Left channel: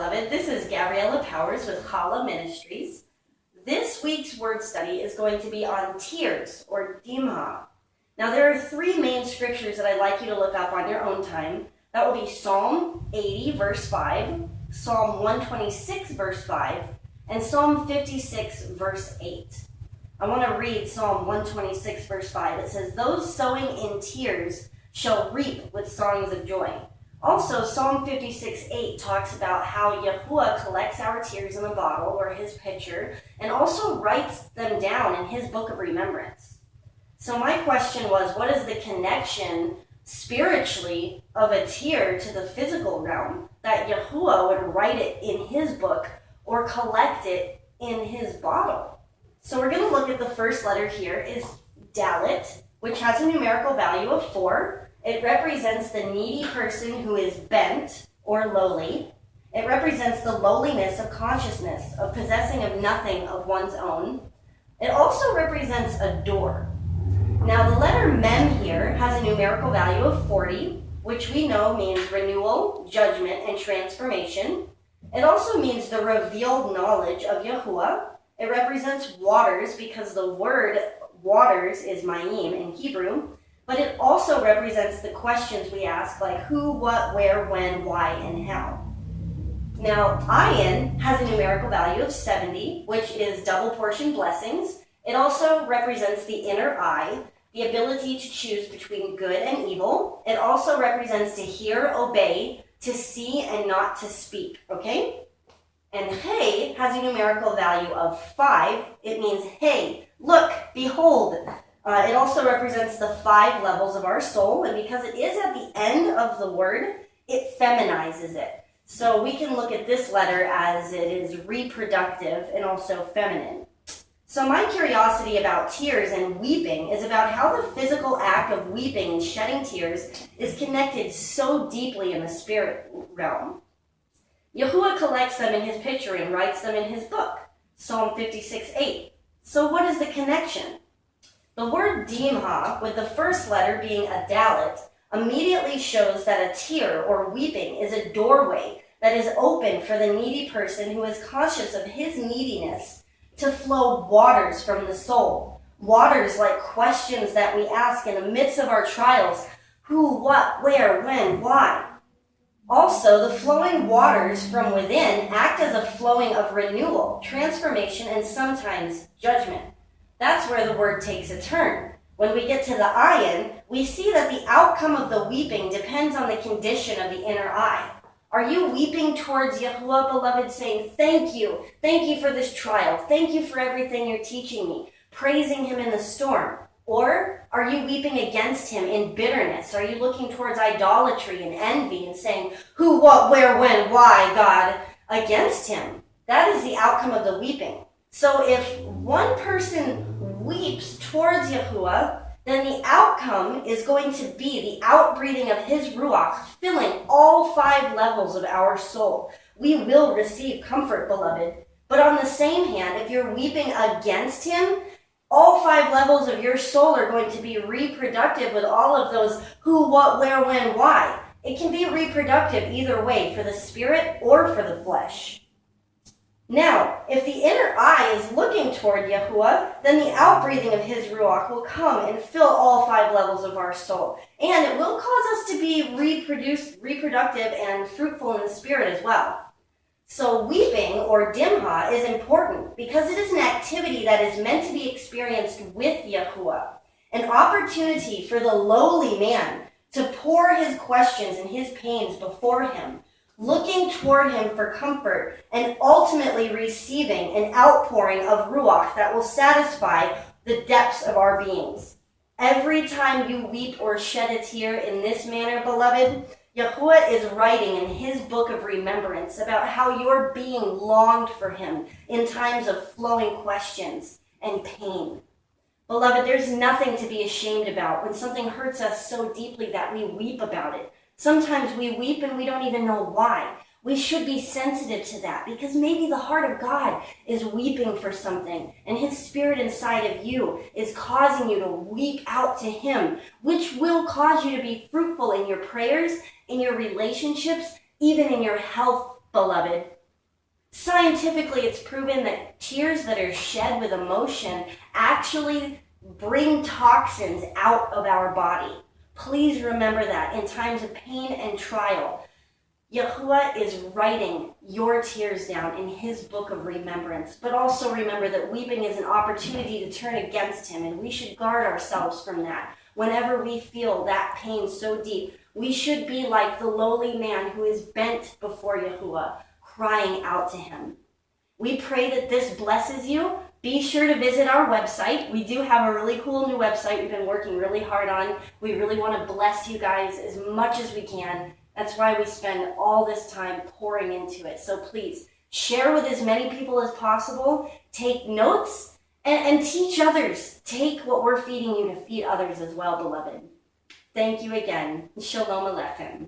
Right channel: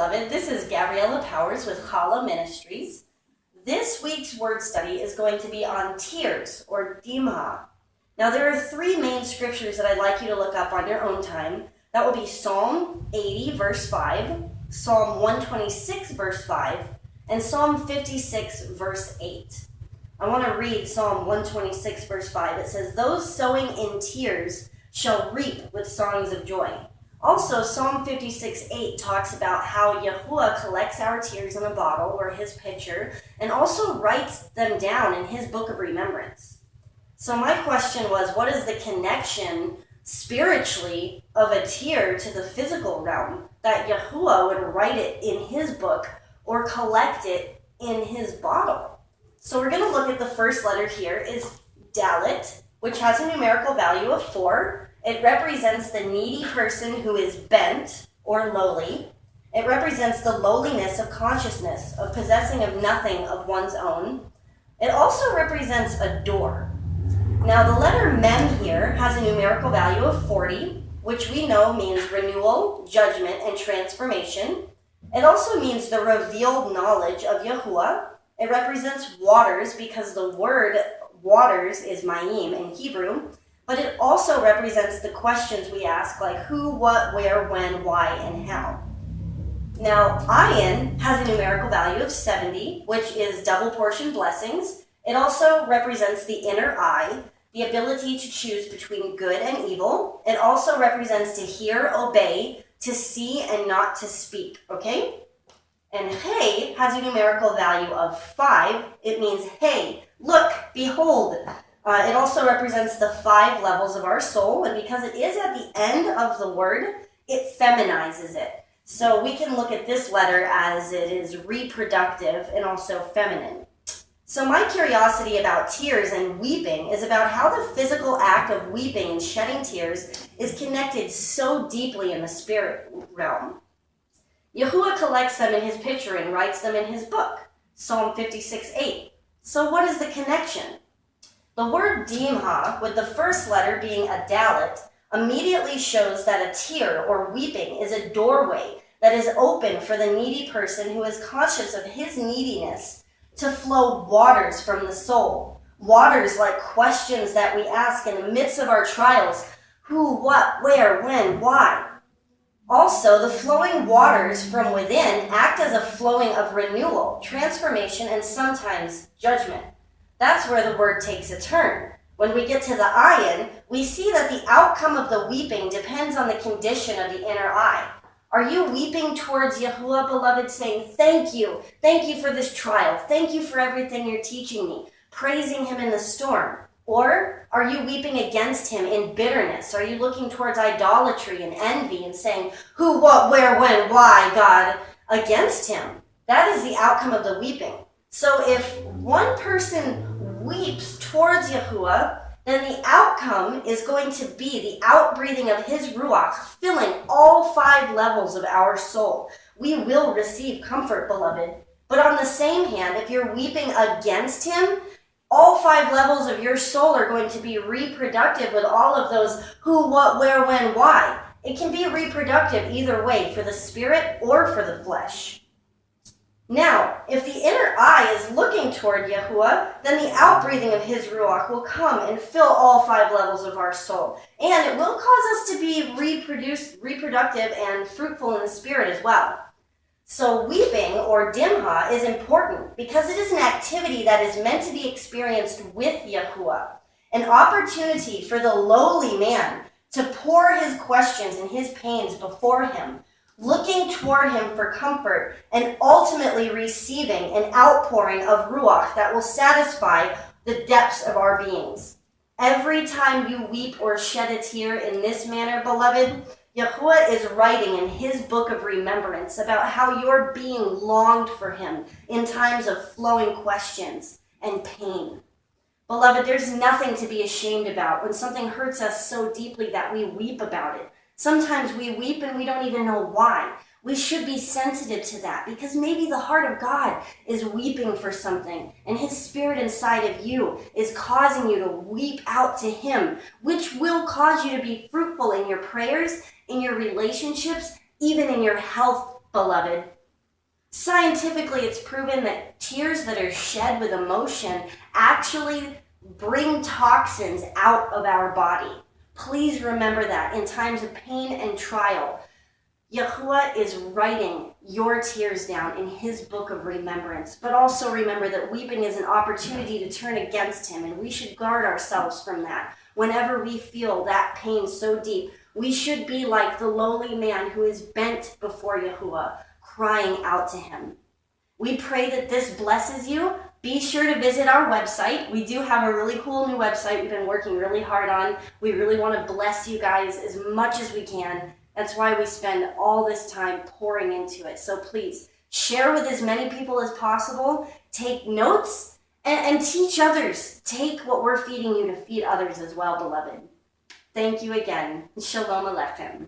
Beloved, this is Gabriella Powers with Chala Ministries. This week's word study is going to be on tears, or dimha. Now, there are three main scriptures that I'd like you to look up on your own time. That will be Psalm 80, verse 5, Psalm 126, verse 5, and Psalm 56, verse 8. I want to read Psalm 126, verse 5. It says, "Those sowing in tears shall reap with songs of joy." Also, Psalm 56:8 talks about how Yahuwah collects our tears in a bottle or his pitcher and also writes them down in his Book of Remembrance. So my question was, what is the connection spiritually of a tear to the physical realm that Yahuwah would write it in his book or collect it in his bottle? So we're going to look at the first letter here is Dalet, which has a numerical value of 4. It represents the needy person who is bent or lowly. It represents the lowliness of consciousness, of possessing of nothing of one's own. It also represents a door. Now, the letter Mem here has a numerical value of 40, which we know means renewal, judgment, and transformation. It also means the revealed knowledge of Yahuwah. It represents waters because the word waters is Mayim in Hebrew. But it also represents the questions we ask, like who, what, where, when, why, and how. Now, Ayin has a numerical value of 70, which is double portion blessings. It also represents the inner eye, the ability to choose between good and evil. It also represents to hear, obey, to see, and not to speak, okay? And Hey has a numerical value of 5. It means, hey, look, behold. It also represents the 5 levels of our soul, and because it is at the end of the word, it feminizes it. So we can look at this letter as it is reproductive and also feminine. So my curiosity about tears and weeping is about how the physical act of weeping and shedding tears is connected so deeply in the spirit realm. Yahuwah collects them in his pitcher and writes them in his book, Psalm 56:8. So what is the connection? The word dimha, with the first letter being a dalet, immediately shows that a tear or weeping is a doorway that is open for the needy person who is conscious of his neediness to flow waters from the soul. Waters like questions that we ask in the midst of our trials. Who, what, where, when, why? Also, the flowing waters from within act as a flowing of renewal, transformation, and sometimes judgment. That's where the word takes a turn. When we get to the ayin, we see that the outcome of the weeping depends on the condition of the inner eye. Are you weeping towards Yahuwah, beloved, saying, thank you for this trial, thank you for everything you're teaching me, praising him in the storm? Or are you weeping against him in bitterness? Are you looking towards idolatry and envy and saying, who, what, where, when, why, God, against him? That is the outcome of the weeping. So if one person weeps towards Yahuwah, then the outcome is going to be the outbreathing of his ruach, filling all 5 levels of our soul. We will receive comfort, beloved. But on the same hand, if you're weeping against him, all 5 levels of your soul are going to be reproductive with all of those who, what, where, when, why. It can be reproductive either way, for the spirit or for the flesh. Now, if the inner eye is looking toward Yahuwah, then the outbreathing of his ruach will come and fill all 5 levels of our soul. And it will cause us to be reproductive and fruitful in the spirit as well. So weeping, or dimha, is important because it is an activity that is meant to be experienced with Yahuwah, an opportunity for the lowly man to pour his questions and his pains before him, looking toward him for comfort, and ultimately receiving an outpouring of ruach that will satisfy the depths of our beings. Every time you weep or shed a tear in this manner, beloved, Yahuwah is writing in his Book of Remembrance about how your being longed for him in times of flowing questions and pain. Beloved, there's nothing to be ashamed about when something hurts us so deeply that we weep about it. Sometimes we weep and we don't even know why. We should be sensitive to that because maybe the heart of God is weeping for something and his spirit inside of you is causing you to weep out to him, which will cause you to be fruitful in your prayers, in your relationships, even in your health beloved. Scientifically, it's proven that tears that are shed with emotion actually bring toxins out of our body. Please remember that in times of pain and trial. Yahuwah is writing your tears down in his book of remembrance. But also remember that weeping is an opportunity to turn against him, and we should guard ourselves from that. Whenever we feel that pain so deep, we should be like the lowly man who is bent before Yahuwah, crying out to him. We pray that this blesses you. Be sure to visit our website. We do have a really cool new website we've been working really hard on. We really want to bless you guys as much as we can. That's why we spend all this time pouring into it. So please share with as many people as possible. Take notes and teach others. Take what we're feeding you to feed others as well, beloved. Thank you again. Shalom Aleichem.